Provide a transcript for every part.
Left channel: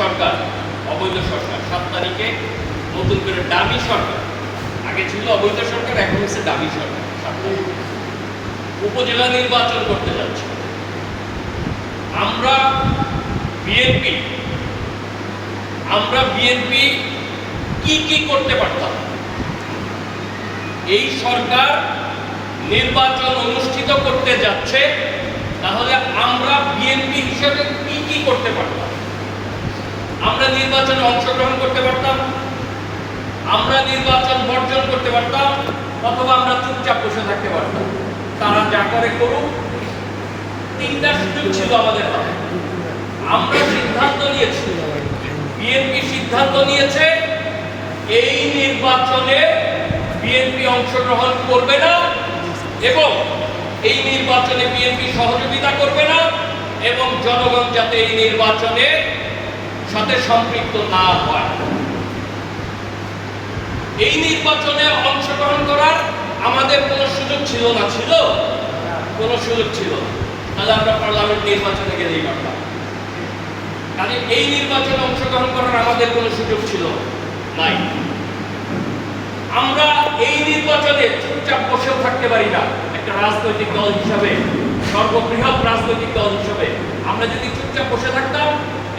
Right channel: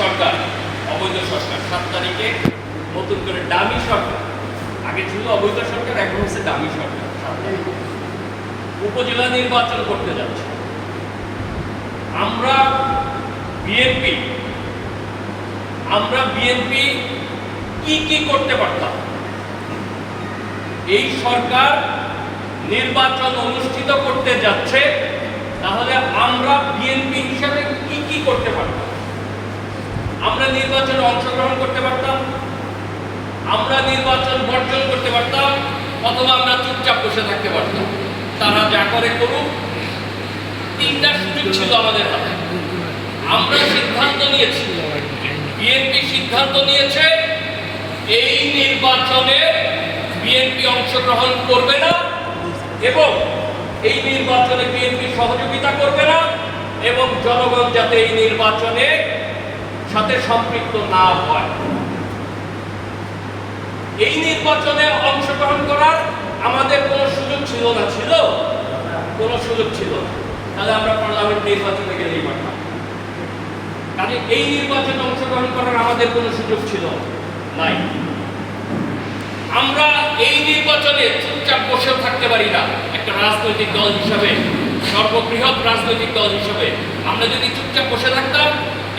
সরকার, অবৈধ সরকার। সাত তারিখে নতুন করে ডামি সরকার। আগে ছিল অবৈধ সরকার, এখন হচ্ছে ডামি সরকার। সাত তারিখে। উপজেলা নির্বাচন করতে যাচ্ছে। আমরা বিএনপি আমরা বিএনপি কি কি করতে পারতাম? এই সরকার নির্বাচন অনুষ্ঠিত করতে যাচ্ছে, তাহলে আমরা বিএনপি হিসাবে কি কি করতে পারতাম? আমরা নির্বাচনে অংশগ্রহণ করতে পারতাম, আমরা নির্বাচন বর্জন করতে পারতাম, অথবা আমরা চুপচাপ বসে থাকতে পারতাম। তারা যা করে করুক, তিনটা সুযোগ ছিল আমাদের হাতে। আমরা সিদ্ধান্ত নিয়েছি, বিএনপি সিদ্ধান্ত নিয়েছে, এই নির্বাচনে বিএনপি অংশগ্রহণ করবে না এবং এই নির্বাচনে বিএনপি সহযোগিতা করবে না এবং জনগণ যাতে এই নির্বাচনে সাথে সম্পৃক্ত না হয়। এই নির্বাচনে অংশগ্রহণ করার আমাদের কোনো সুযোগ ছিল না, ছিল? কোনো সুযোগ ছিল তাহলে আমরা পার্লামেন্ট নির্বাচনে গেলেই পারতাম। কাজে এই নির্বাচনে অংশগ্রহণ করার আমাদের কোনো সুযোগ ছিল নাই। আমরা এই নির্বাচনে চুপচাপ বসেও থাকতে পারি না। একটা রাজনৈতিক দল হিসাবে, সর্ববৃহৎ রাজনৈতিক দল হিসাবে। আমরা যদি চুপচাপ বসে থাকতাম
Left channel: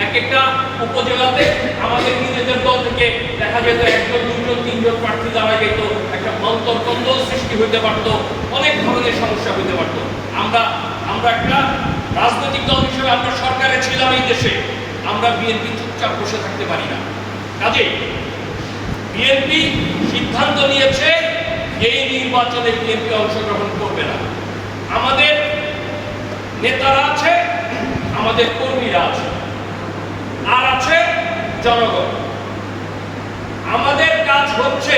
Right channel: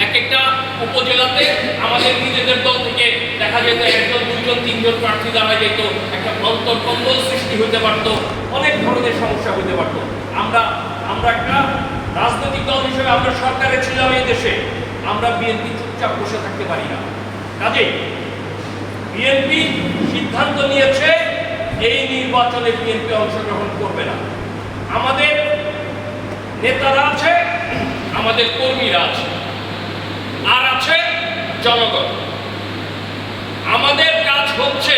এক একটা উপজেলাতে আমাদের নিজেদের দল থেকে দেখা যেত একজন, দুইজন, তিনজন প্রার্থী দাঁড়া যেত, একটা অন্তর্কন্দল সৃষ্টি হতে পারত, অনেক ধরনের সমস্যা হতে পারত। আমরা আমরা একটা রাজনৈতিক দল হিসেবে আমরা সরকারে ছিলাম এই দেশে, আমরা বিএনপি চুপচাপ বসে থাকতে পারি না। কাজেই বিএনপি সিদ্ধান্ত নিয়েছে, এই নির্বাচনে বিএনপি অংশগ্রহণ করবে না। আমাদের নেতারা আছে, আমাদের কর্মীরা আছে। আর আছে জনগণ। আমাদের কাজ হচ্ছে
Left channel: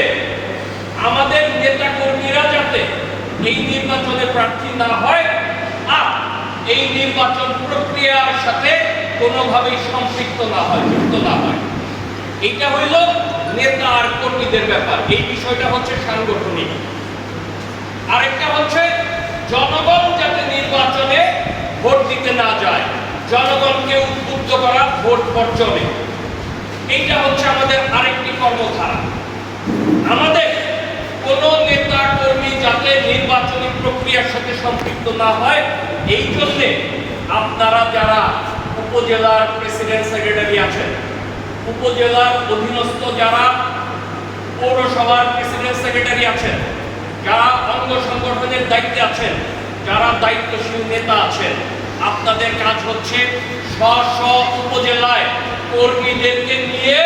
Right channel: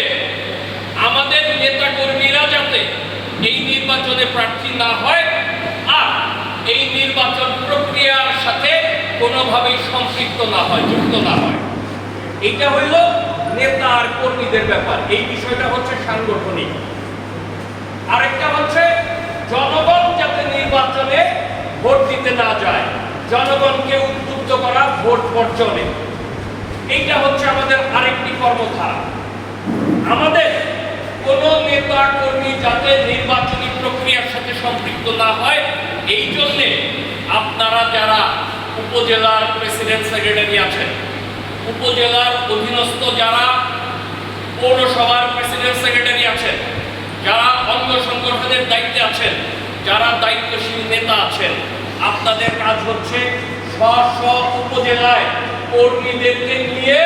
আমাদের নেতা কর্মীরা যাতে এই নির্বাচনে প্রার্থী না হয় আর এই নির্বাচন প্রক্রিয়ার সাথে কোনোভাবেই সম্পৃক্ত না হয়, যুক্ত না হয়। এটা হইল নেতা আর কর্মীদের ব্যাপার। এই বিষয়টা হচ্ছে সাংগঠনিক। আরেকটা হচ্ছে জনগণ যাতে নির্বাচনে ভোট দিতে না যায়। জনগণকে উদ্বুদ্ধ করা ভোট বর্জনে। এইটা হচ্ছে আমাদের আরেকটি কর্মধারা। আমাদের কোন নেতা কর্মী যাতে নির্বাচনী প্রক্রিয়ার সাথে সম্পৃক্ত না হয়, এই জন্যে আপনারা যারা উপজেলার প্রেসিডেন্ট সেক্রেটারি আছেন, উপজেলার অধীনস্থ যারা পৌরসভার প্রেসিডেন্ট সেক্রেটারি আছেন, যারা অঙ্গ সংগঠনের দায়িত্বে আছেন, যারা দায়িত্বশীল নেতা আছেন আপনাদের কাজ হচ্ছে স্ব স্ব উপজেলায় কর্মীদেরকে নিয়ে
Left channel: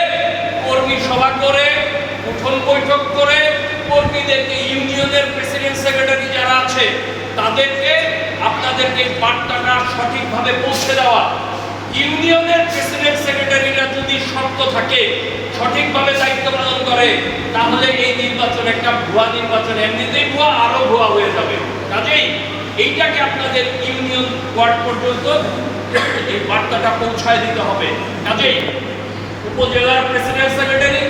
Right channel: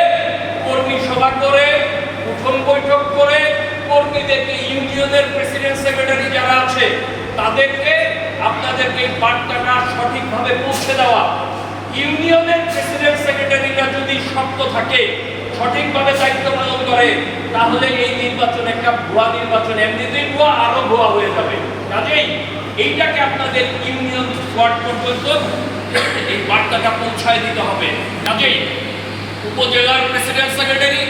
কর্মী সভা করে, উঠন বৈঠক করে, কর্মীদেরকে ইউনিয়নের প্রেসিডেন্ট সেক্রেটারি যারা আছে, তাদেরকে আপনাদেরকে এই বার্তাটা সঠিকভাবে পৌঁছে দেওয়া। ইউনিয়নের প্রেসিডেন্ট সেক্রেটারিরা যদি শক্ত থাকে, সঠিকভাবে দায়িত্ব পালন করে, তাহলে এই নির্বাচন একটা ভুয়া নির্বাচন। এমনিতেই ভুয়া, আরও ভুয়া হয়ে যাবে। কাজেই এইটাকে আপনাদের ইউনিয়ন ওয়ার্ড পর্যন্ত এই বার্তাটা পৌঁছায় দিতে হবে। কাজেই উপজেলার প্রেসিডেন্ট সেক্রেটারি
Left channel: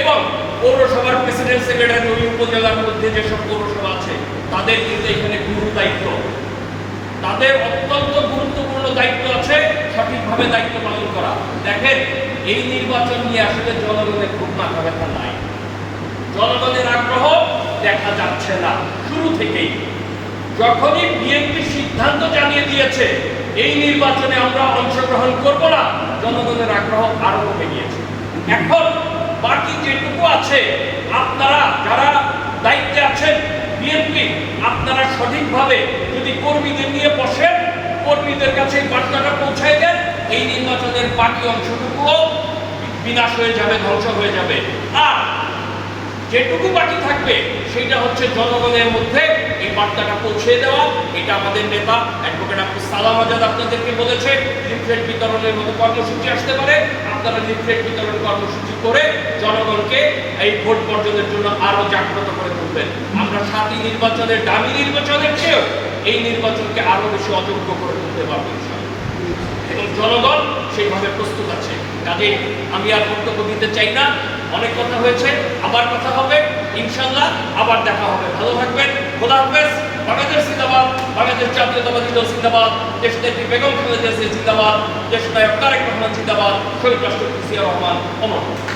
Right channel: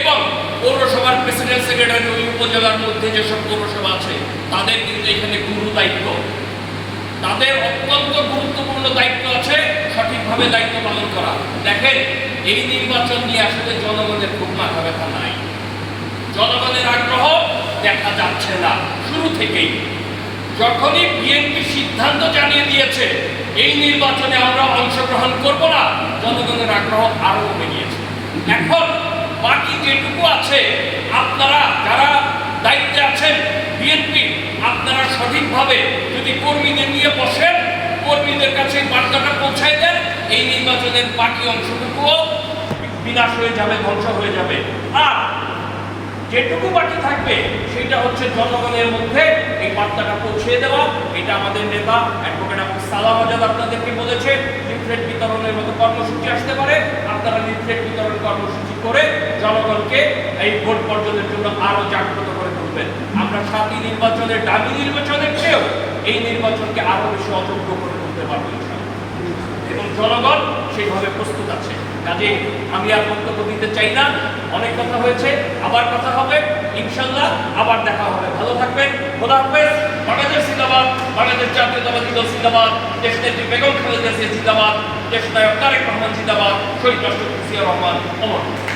এবং পৌরসভার প্রেসিডেন্ট সেক্রেটারি ওই উপজেলার মধ্যে যেসব পৌরসভা আছে, তাদের কিন্তু এখানে গুরু দায়িত্ব। তাদের অত্যন্ত গুরুত্বপূর্ণ দায়িত্ব আছে সঠিকভাবে দায়িত্ব পালন করা। দেখেন, এই নির্বাচন নিয়ে আসলে জনগণের খুব মাথা ব্যথা নাই। জনগণের আগ্রহ দেখা যাচ্ছে না, শুরু থেকেই। যখনই বিএনপি সিদ্ধান্ত জানিয়ে দিয়েছে, এই নির্বাচনে আমরা অংশগ্রহণ করব না, জনগণের আগ্রহ আরও কমে গিয়েছে এখন বাকি যেটুকু আছে, আপনারা যারা দায়িত্বে আছেন বিএনপি আপনারা সঠিকভাবে যদি কর্মীদের নিয়ে বসেন, কর্মীদের কাছে বার্তাটা পৌঁছায় দেন, এই নির্বাচনের বাকি অংশটুকুও বিনাশ হয়ে যাবে, ধ্বংস হয়ে যাবে। আর যেটুকু বাকি থাকবে সেটা হচ্ছে জনগণের মধ্যে এই বার্তাটা পৌঁছে দেওয়া। এটা আমাদের নেতা অ্যাডভোকেট আব্দুল সালাম আজাদ আপনাদেরকে বলেছে, লিফলেট বিতরণের মতো কর্মসূচি আসতে পারে। আপনারা লিফলেট বিতরণ কর্মসূচি করে জনগণকে এই ভোট বর্জনের জন্য আরও জাগ্রত করে তুলবেন। আমরা সাতই নির্বাচনের দামি নির্বাচনের চেয়েও এই নির্বাচনকে আরও বেশি অযোগ্য করে তুলতে পারব জনগণ সেইভাবে প্রস্তুত আছে। কাজে আমি আর বক্তব্য দিতে চাই না। অনেক কথা হয়েছে, আবার কথা হবে। ইনশাল্লাহ আবার দেখা হবে। ভালো থাকবেন। খোদা হাফেজ। বাংলাদেশ জিন্দাবাদ। বাংলাদেশ জাতীয়তাবাদী দল জিন্দাবাদ। দেশ নেত্রী বেগম খালেদা জিয়া দেশ নায়ক তারেক রহমান জিন্দাবাদ। শহীদ রাষ্ট্রপতি জিয়া রহমান অমর